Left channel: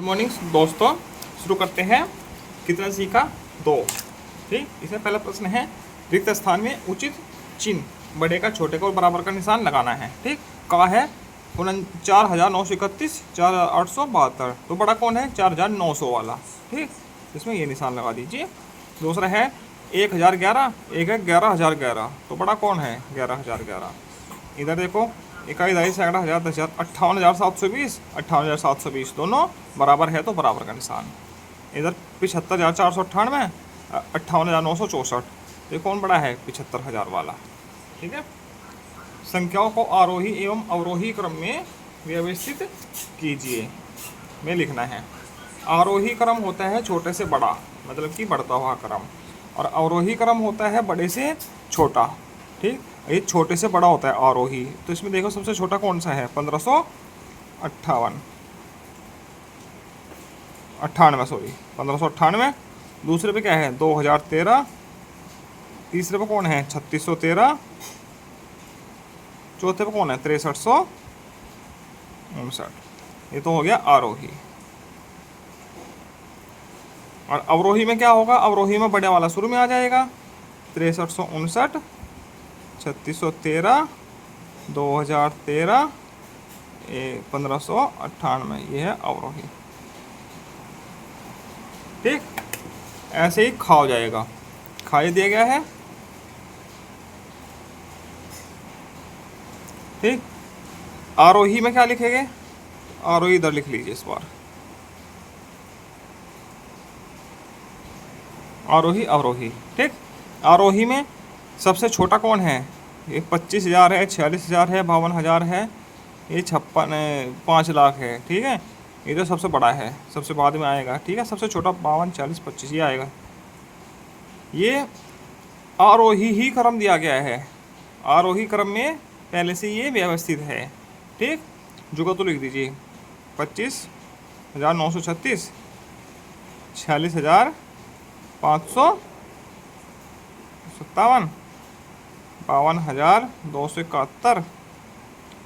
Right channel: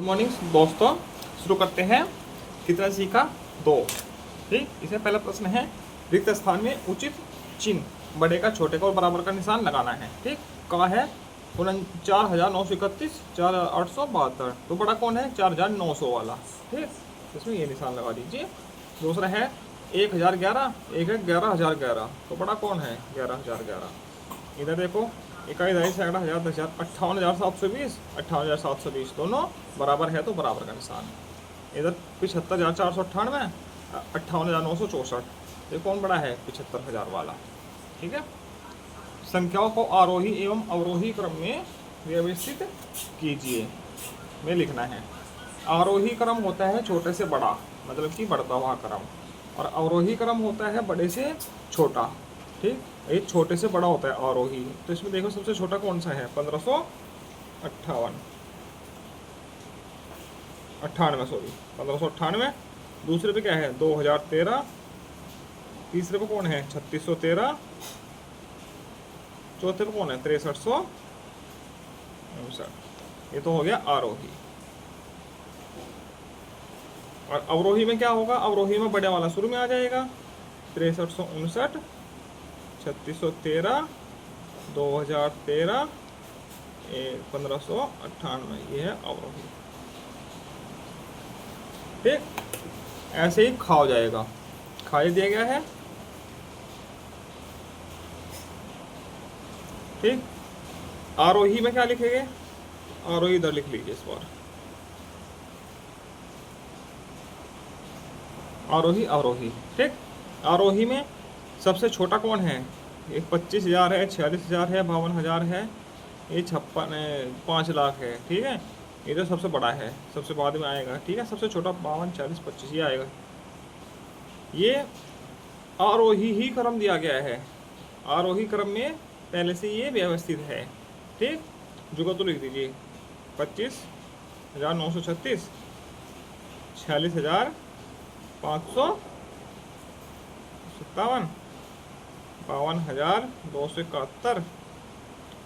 Good morning दोस्तों, शुरू करते हैं। कितना सीखा? 2। ठीक, इसमें पहला प्रश्न है, रिक्त स्थान में उचित चिन्ह बड़े का छोटे का और बराबर का निशान लगाना है। ठीक, कहा है 4931, 4872। तो बड़ा कौन है? 4900 वाला। ठीक, इसमें ये निशान लगा दीजिए। दूसरा है 1011, एक है 11011। तो बड़ा कौन है? 11011। इधर देखो, इकाई, दहाई, सैकड़ा, हज़ार, 10,000, 58,720, 58,720 दोनों बराबर है तो बराबर का निशान। इधर 75,498, 58,964। ये कौन बड़ा है? 75,000 वाला। ठीक है। संख्याओं को आरोही एवं अवरोही क्रम में व्यवस्थित कीजिए में लिखना है। आरोही क्रम होता है छोटे से बड़ा, मतलब कि बढ़ता हुआ क्रम, और अवरोही क्रम होता है बड़े से छोटा। ठीक, ये छोटे से बड़ा होता है आरोही। तो इसमें देखो सबसे छोटा कौन सा है? 1598, सॉरी 1598। दूसरे पे क्या है? 2013। तीसरे पे कौन है? 3613। चौथे पे कौन है? 6359। ये तो हो गया आरोही। और अवरोही में क्या होगा? अवरोही में बड़े वाला शुरू में आ जाएगा। 6359, 3613, 2013, 1598। ये है अवरोही। ठीक, ऐसे ही खा हो जाएगा। खाई दिया गया है। ठीक, आरोही में क्या लिखेंगे? आरोही इधर लिख लीजिए इस बार। आरोही अवरोही। ठीक, आरोही में सबसे छोटा कौन है? ये 25,000 है, 46,000 है, 52,000 है, ये 5 लाख है। ठीक है, ये तो सबसे बड़ा है, सबसे बाद में आएगा। ठीक है, सबसे छोटा 52, 40, 25 ये आएगा। ये आरोही ही क्रम दिया गया है। आरोही क्रम में पहले से ये व्यवस्थित है। ठीक, जुगा तो लिख दीजिए। 25,936, 46,557, 52,271,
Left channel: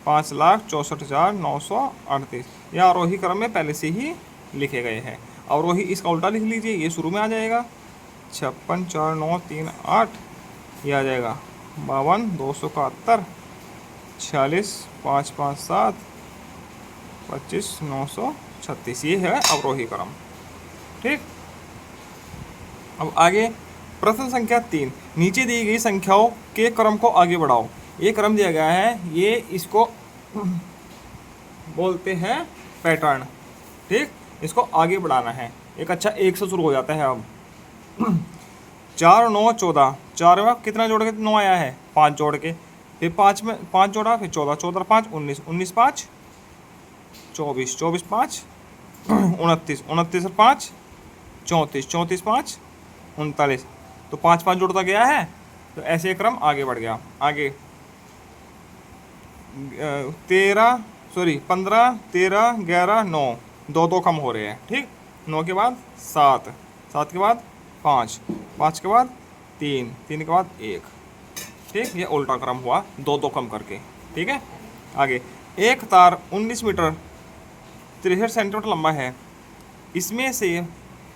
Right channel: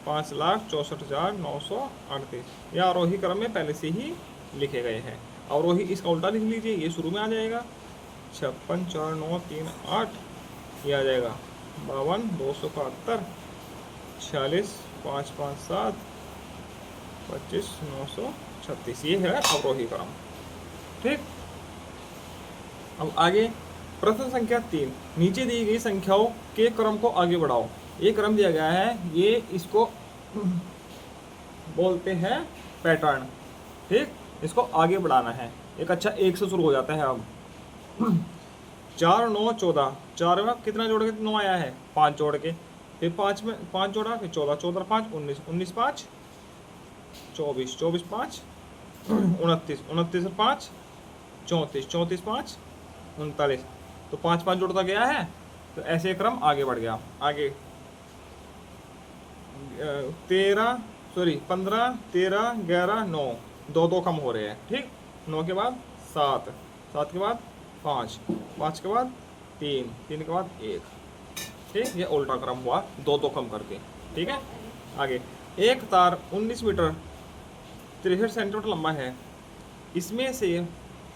5,64,938। ये आरोही क्रम में पहले से ही लिखे गए हैं। अवरोही इसका उल्टा लिख लीजिए, ये शुरू में आ जाएगा। 56,4,938 ये आ जाएगा। 52,271, 46,557, 25,936। ये है अवरोही क्रम। ठीक, अब आगे प्रश्न संख्या 3। नीचे दी गई संख्याओं के क्रम को आगे बढ़ाओ। ये क्रम दिया गया है, ये इसको बोलते हैं पैटर्न। ठीक, इसको आगे बढ़ाना है। एक अच्छा 1 से शुरू हो जाता है। अब 4, 9, 14। 4 में कितना जोड़ के 9 आया है? 5 जोड़ के। फिर 5 में 5 जोड़ा, फिर 14, 14, 5, 19, 19, 5, 24, 24, 5, 29, 29, 5, 34, 34, 5, 39। तो 5 5 जुड़ता गया है, तो ऐसे क्रम आगे बढ़ गया। आगे 13, सॉरी 15, 13, 11, 9, 2 2 कम हो रहे हैं। ठीक, 9 के बाद 7, 7 के बाद 5, 5 के बाद 3, 3 के बाद 1। ठीक, ये उल्टा क्रम हुआ, 2 2 कम करके। ठीक है, आगे एक तार 19 मीटर 63 सेंटीमीटर लंबा है। इसमें से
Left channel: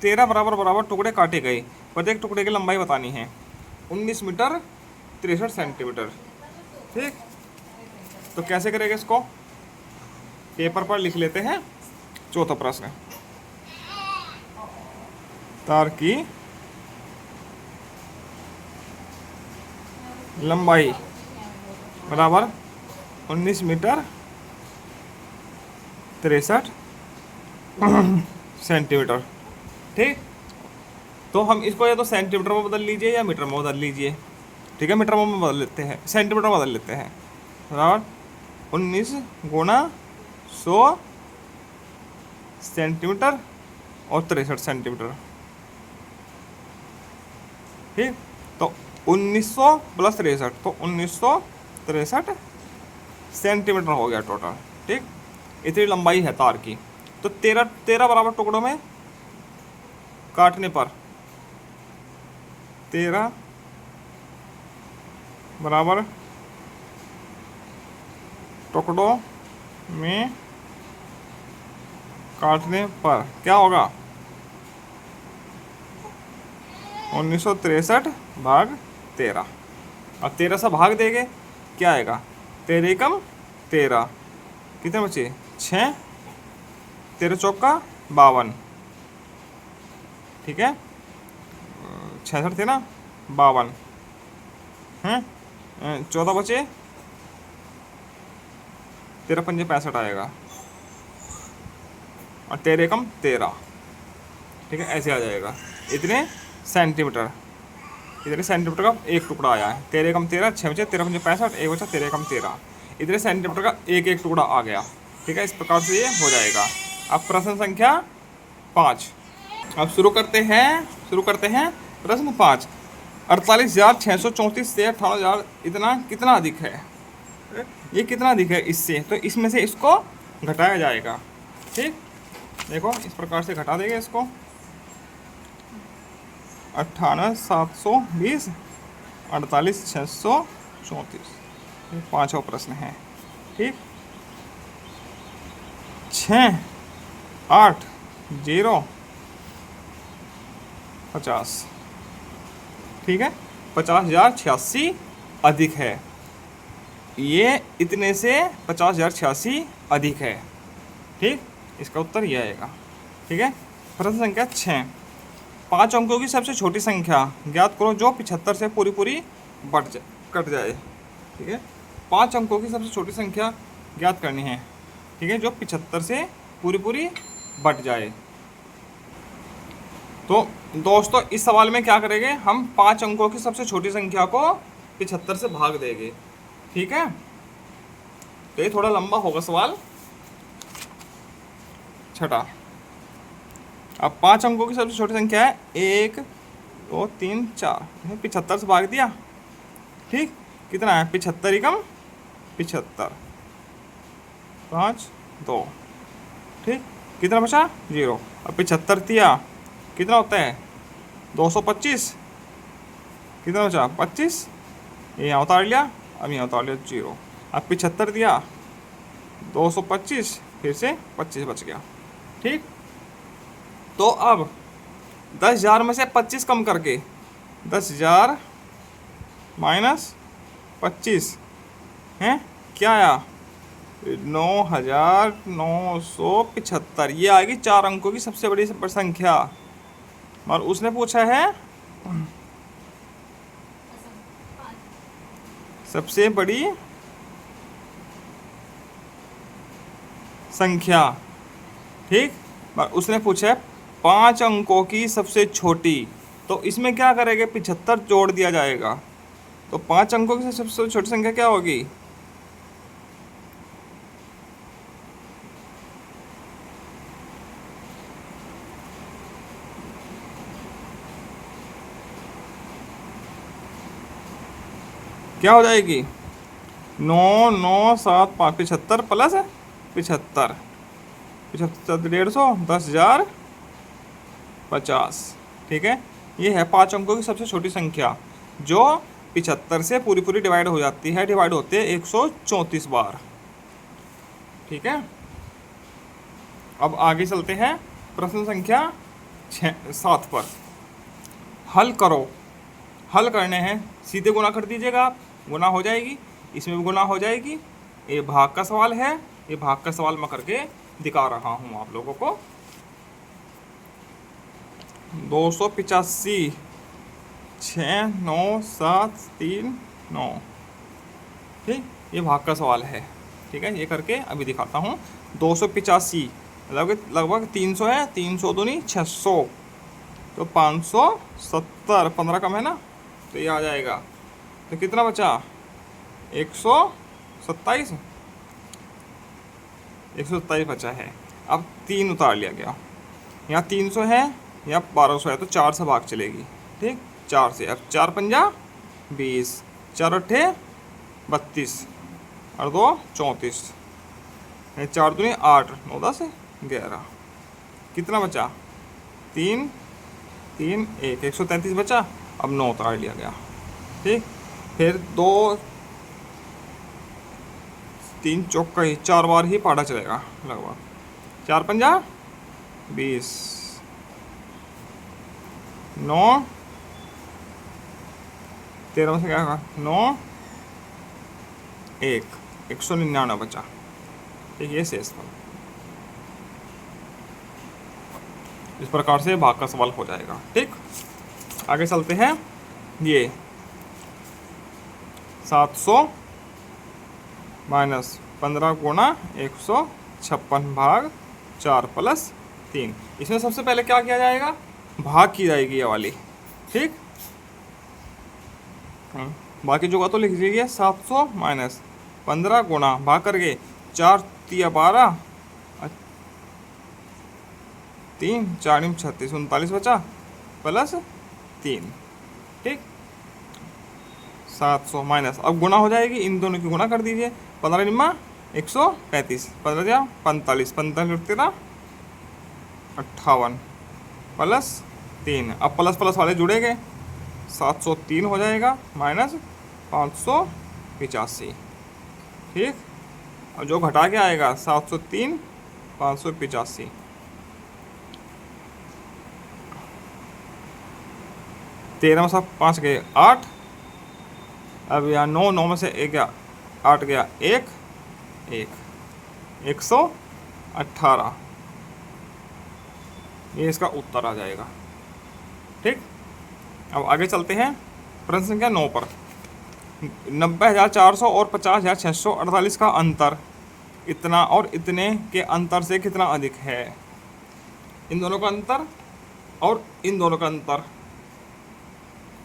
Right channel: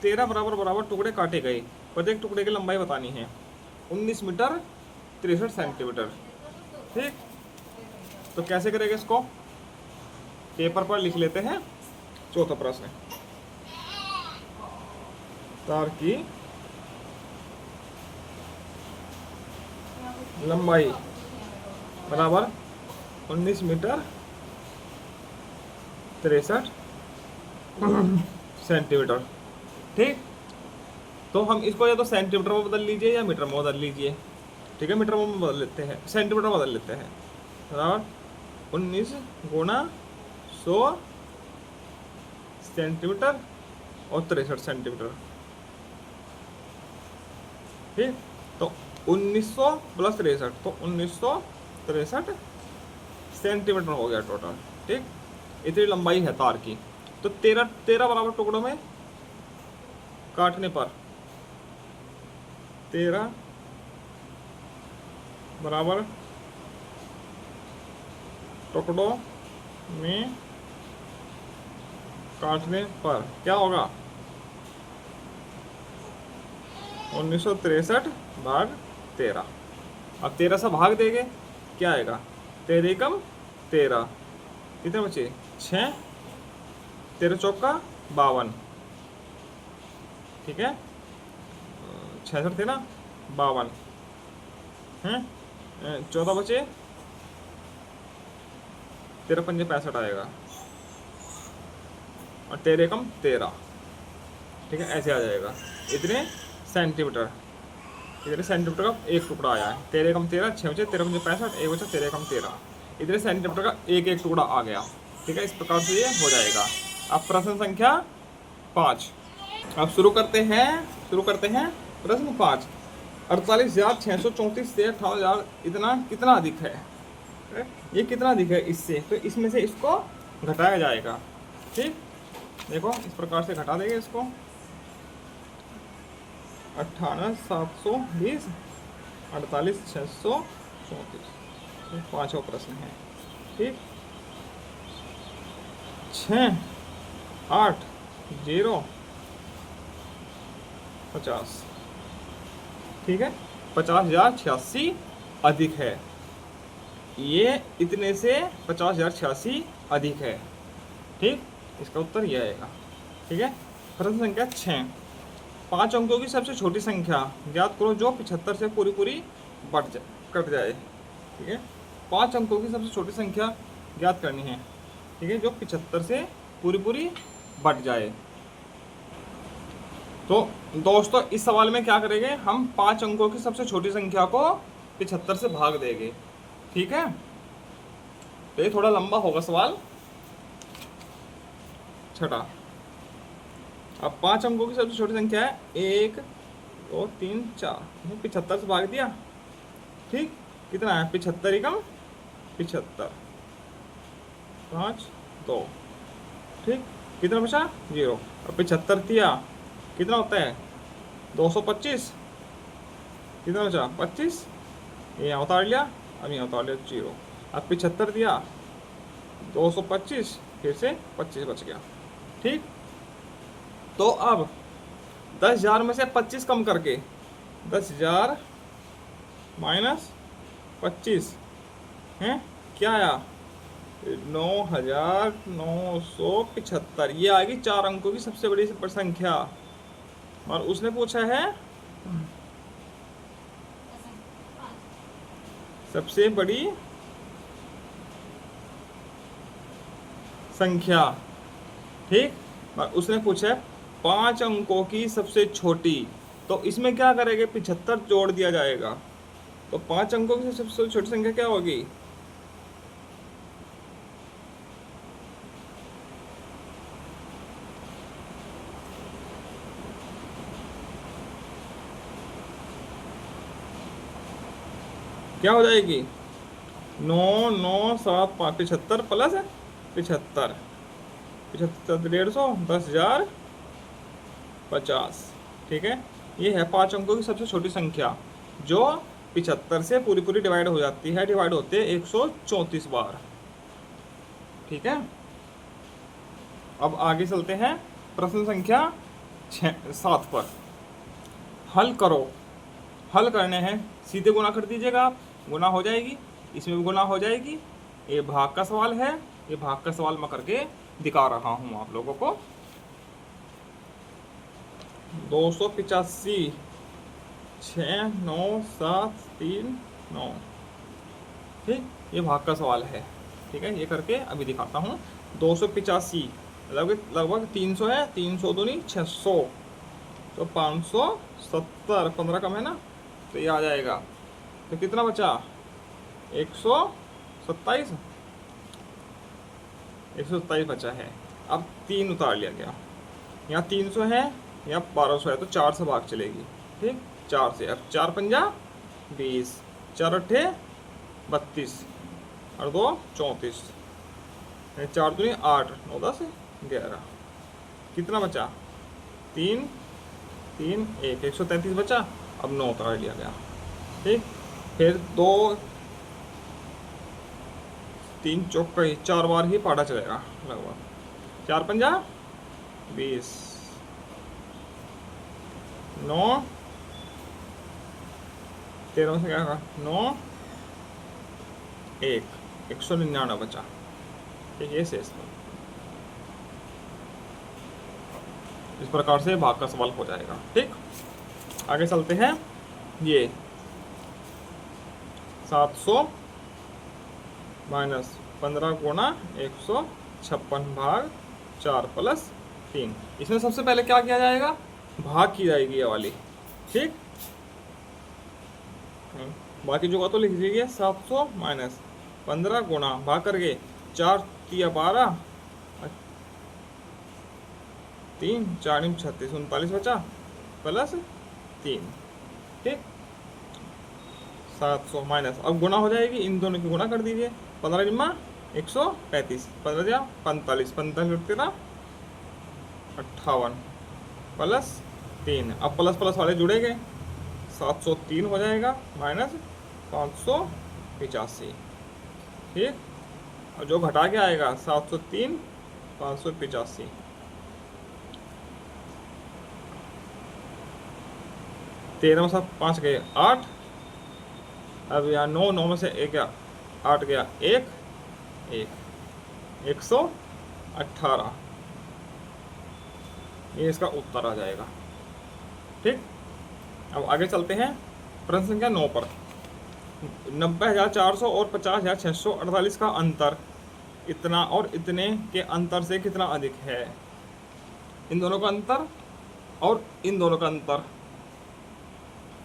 13 बराबर बराबर टुकड़े काटे गए। प्रत्येक टुकड़े की लंबाई बतानी है। 19 मीटर 63 सेंटीमीटर। ठीक, तो कैसे करेंगे इसको? पेपर पर लिख लेते हैं। चौथा प्रश्न, तार की लंबाई बराबर 19 मीटर 63 सेंटीमीटर। ठीक, तो हम इसको या तो सेंटीमीटर में बदल लीजिए या मीटर में बदल लीजिए। ठीक है, मीटर में बदल लेते हैं, सेंटीमीटर में बदल लेते हैं। बराबर 19 गुणा 100 सेंटीमीटर और 63 सेंटीमीटर। ठीक, तो 1900 प्लस 63, तो 1963 सेंटीमीटर हो गया टोटल। ठीक, इतनी लंबाई है तार की। तो 13 बराबर टुकड़ों में काटने पर 13 बराबर टुकड़ों में काटने पर क्या होगा? 1963 भाग 13। अब 13 से भाग देंगे, क्या आएगा? 13 एकम 13, कितने बचे? 6, 13 चौका 52, ठीक है, 66 थे ना, 52 हैं, 14 बचे, 13 पंजे 65 आएगा, और 13 एकम 13, ठीक है, ऐसे आ जाएगा। इतने सेंटीमीटर, इतने सेंटीमीटर का एक टुकड़ा आया है। 13 एकम 13, 6 बचे, 13 पंजे 65, एक बचा 13 एकम 13, इतने सेंटीमीटर का एक एक टुकड़ा आ गया, ठीक है। इस प्रकार से ये हो जाएगा। अब प्रश्न संख्या 5, अब शुरू करते हैं प्रश्न 5। 48,634 से 58,000 इतना कितना अधिक है? ये कितना अधिक है इससे? तो इसमें से इसको घटाया जाएगा, ठीक। देखो इस प्रकार से घटा देंगे इसको। 98,720, 48,634, ये पाँचों प्रश्न है, ठीक। 6, 8, 0, 50, ठीक है। 50,086 अधिक है, ये इतने से 50,086 अधिक है, ठीक। इसका उत्तर ये आएगा, ठीक है। प्रश्न संख्या 6, 5 अंकों की सबसे छोटी संख्या ज्ञात करो जो 75 से पूरी कट जाए, ठीक है। 5 अंकों की सबसे छोटी संख्या ज्ञात करनी है, ठीक है, जो 75 से पूरी बट जाए। तो दोस्तों इस सवाल में क्या करेंगे हम? 5 अंकों की सबसे छोटी संख्या को 75 से भाग देंगे, ठीक है। तो ये थोड़ा लंबा होगा सवाल। छठा, अब 5 अंकों की सबसे छोटी संख्या है 1, 2, 3, 4, 75 से भाग दिया, ठीक। कितना है? 75 एकम 75, 5, 2, ठीक। कितना बचा? 0। अब 75 दिया, कितना होता है? 225, कितना बचा? 25, ये यहाँ उतार लिया, अब यहाँ उतार लिया 0। अब 75 दिया, 225, फिर से 25 बच गया, ठीक। तो अब 10,000 में से 25 कम करके 10,000 माइनस 25 हैं, क्या आया? 9,975। ये आएगी 4 अंकों की सबसे बड़ी संख्या। और उसने पूछा है सबसे बड़ी संख्या, ठीक। और उसने पूछा है 5 अंकों की सबसे छोटी। तो इसमें क्या करेंगे? 75 जोड़ दिया जाएगा। तो 5 अंकों की सबसे छोटी संख्या क्या होगी? क्या हो जाएगी? 9, 9, 7, 5, 75 प्लस 75, 75, 150, 10,000, 50, ठीक है। ये है 5 अंकों की सबसे छोटी संख्या जो 75 से पूरी डिवाइड हो जाती है। डिवाइड होते हैं 134 बार, ठीक है। अब आगे चलते हैं प्रश्न संख्या 7 पर। हल करो। हल करने हैं, सीधे गुणा कर दीजिएगा आप, गुणा हो जाएगी, इसमें भी गुणा हो जाएगी। ये भाग का सवाल है, ये भाग का सवाल मैं करके दिखा रहा हूँ आप लोगों को। 285, 6, 9, 7, 3, 9, ठीक। ये भाग का सवाल है, ठीक है। ये करके अभी दिखाता हूँ। 285 लगभग 300 है, 300 दूनी 600, तो 570, 15 कम है ना, तो ये आ जाएगा। तो कितना बचा? 127, 127 बचा है। अब 3 उतार लिया गया, यहाँ 300 है, यहाँ 1200 है, तो 4 से भाग चलेगी, ठीक। 4 से, अब 4 पंजा 20, 4 अट्ठे 32, और 2 34, 4 दूनी 8, 9 10 11, कितना बचा? 3, 3, 1, 133 बचा। अब 9 उतार लिया गया, ठीक। फिर 2, 3 चौका ही 4 बार ही पाटा चलेगा लगभग। 4 पंजा 20, 9, 13 में से क्या होगा, 9, 1, 199 बचा। ठीक, ये शेषफल। इस प्रकार से भाग का सवाल हो जाएगा। ठीक, आगे चलते हैं। ये 700 माइनस 15 गुणा 156 भाग 4 प्लस 3। इसमें सबसे पहले क्या किया जाएगा, भाग की जाएगी ये वाली। ठीक, बाकी जो का तो लिख लीजिए। 700 माइनस 15 गुणा भाग करके 4 तिया 12, 3 4 36, 39 बचा प्लस 3। ठीक, 700 माइनस, अब गुणा हो जाएगी, इन दोनों की गुणा कर दीजिए। 15 निम्मा 135, 15 दिया 45, 45 और 13 58 प्लस 3। अब प्लस प्लस वाले जुड़ेंगे, 703 हो जाएगा माइनस 585। ठीक, और जो घटा के आएगा 703 585। 13 में से 5 गए 8, अब यहाँ 9, 9 में से 1 गया 8 गया 1, 118। ये इसका उत्तर आ जाएगा। ठीक, अब आगे चलते हैं प्रश्न संख्या 9 पर। 90,400 और 50,648 का अंतर इतना और इतने के अंतर से कितना अधिक है। इन दोनों का अंतर और इन दोनों का अंतर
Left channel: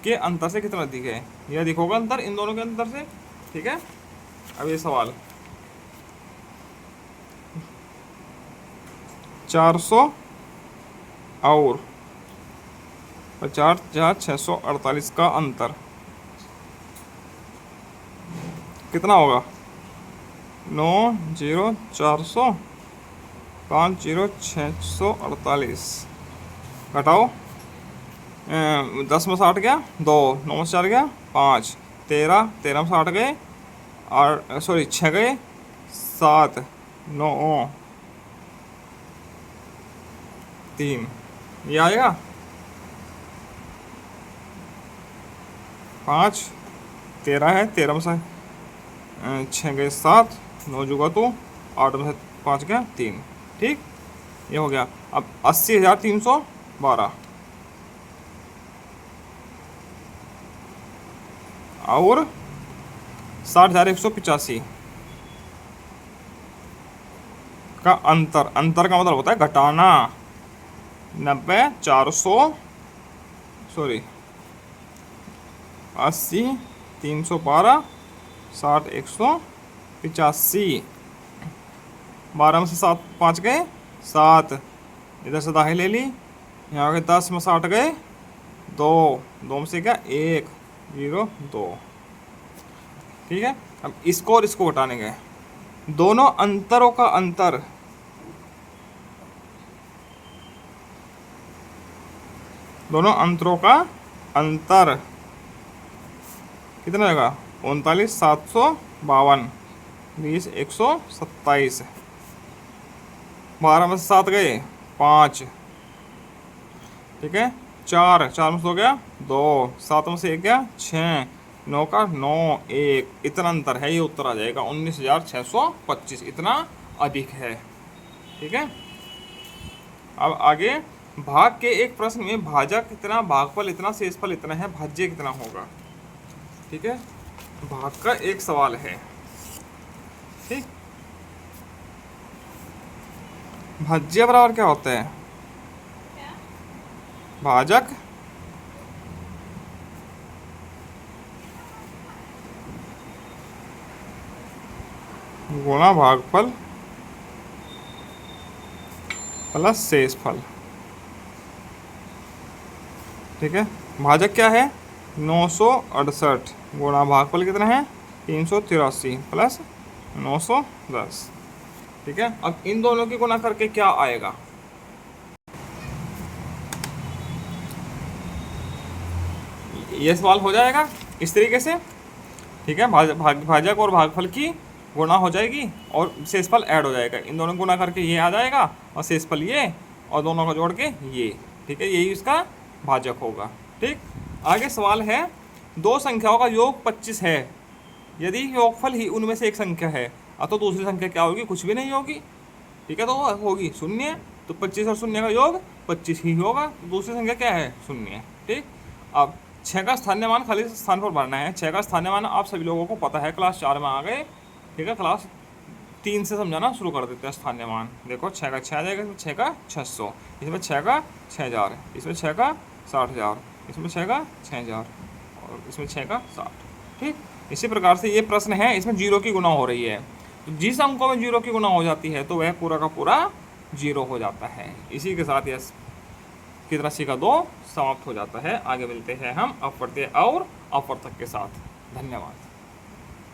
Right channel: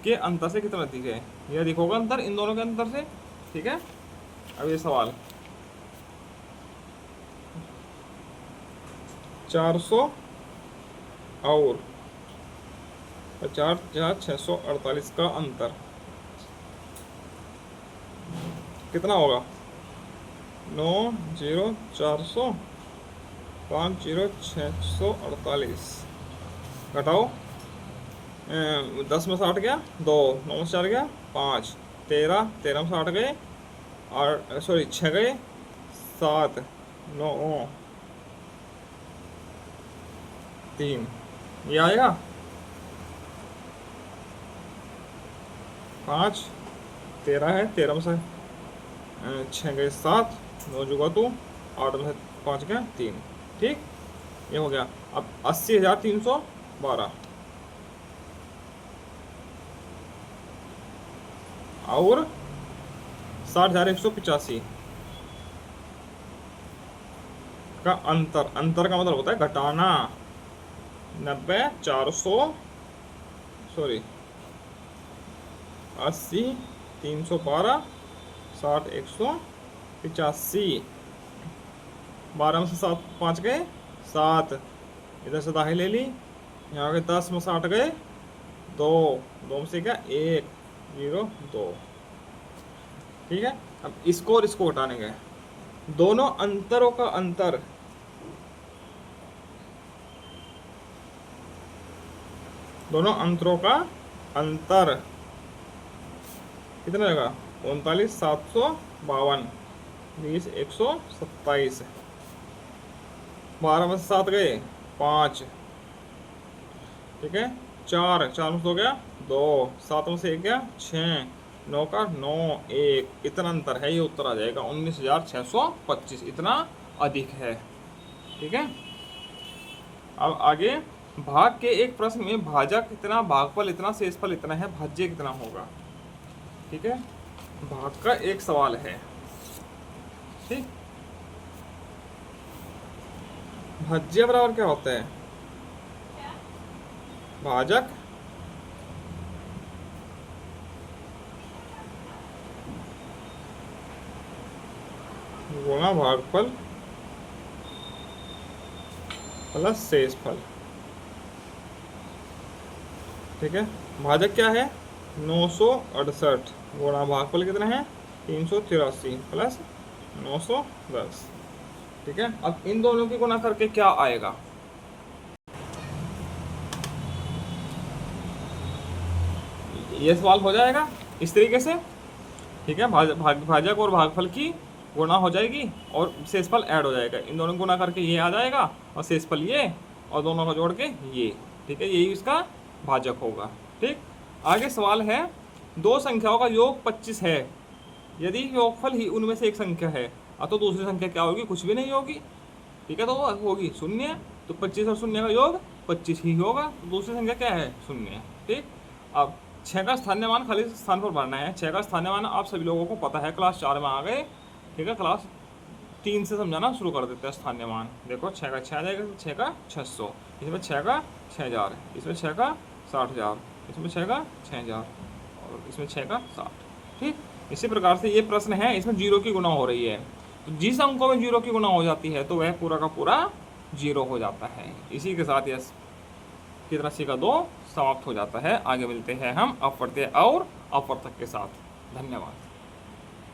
के अंतर से कितना अधिक है, यह अधिक होगा अंतर इन दोनों के अंतर से। ठीक है, अब ये सवाल 400 और 50,648 का अंतर कितना होगा। 9 0 400 5 0 648 घटाओ 10 में से 8 गया 2, 9 में से 4 गया 5, 13, 13 में से 8 गए 8, सॉरी 6 गए 7, 9 3, ये आएगा 5, 13 है, 13 में से 6 गए 7, 9 जुगा तो 8 में से 5 गया 3। ठीक, ये हो गया। अब 80,312 और 60,185 का अंतर, अंतर का मतलब होता है घटाना। 90,400 सॉरी 80,312 60,185। 12 में से 7 5 गए 7, इधर से दाहिने ले ली, यहाँ के 10 में से 8 गए 2, 2 में से क्या 1 0 2। ठीक है, अब इसको और इसको हटाने गए, दोनों अंतरों का अंतर दोनों अंतरों का अंतर कितना होगा 39,752 20 127। 12 में से 7 गए 5। ठीक है, 4 4 में से हो गया 2, 7 में से 1 गया 6, 9 का 9 1, इतना अंतर है, ये उत्तर आ जाएगा 19,625, इतना अधिक है। ठीक है, अब आगे भाग के एक प्रश्न में भाजक इतना, भागफल इतना, शेषफल इतना है, भाज्य कितना होगा। ठीक है, भाग का एक सवाल है। ठीक, भाज्य बराबर क्या होता है, भाजक गुणा भागफल प्लस शेषफल। ठीक है, भाजक क्या है 968 गुणा भागफल कितना है 383 प्लस 910। ठीक है, अब इन दोनों की गुणा करके क्या आएगा, ये सवाल हो जाएगा इस तरीके से। ठीक है, भाजक और भागफल की गुणा हो जाएगी और शेषफल ऐड हो जाएगा, इन दोनों गुणा करके ये आ जाएगा और शेषफल ये, और दोनों का जोड़ के ये, ठीक है, यही इसका भाजक होगा। ठीक, आगे सवाल है, दो संख्याओं का योग 25 है, यदि योगफल ही उनमें से एक संख्या है, तो दूसरी संख्या क्या होगी? कुछ भी नहीं होगी। ठीक है, तो वो होगी शून्य। तो 25 और शून्य का योग 25 ही होगा, तो दूसरी संख्या क्या है? शून्य। ठीक, अब 6 का स्थानीय मान खाली स्थान पर भरना है। 6 का स्थानीय मान आप सभी लोगों को पता है, क्लास 4 में आ गए। ठीक है, क्लास 3 से समझाना शुरू कर देते हैं स्थानीय मान। देखो 6 का 6 आ जाएगा, 6 का 600, इसमें 6 का 6000, इसमें 6 का 60000, इसमें 6 का 6000 और इसमें 6 का 60। ठीक, इसी प्रकार से ये प्रश्न है, इसमें जीरो की गुणा हो रही है। तो जिस अंकों में जीरो की गुणा हो जाती है तो वह पूरा का पूरा जीरो हो जाता है। इसी के साथ यह की राशि का 2 समाप्त हो जाता है। आगे मिलते हैं हम अपवर्त्य और अपवर्तक के साथ। धन्यवाद।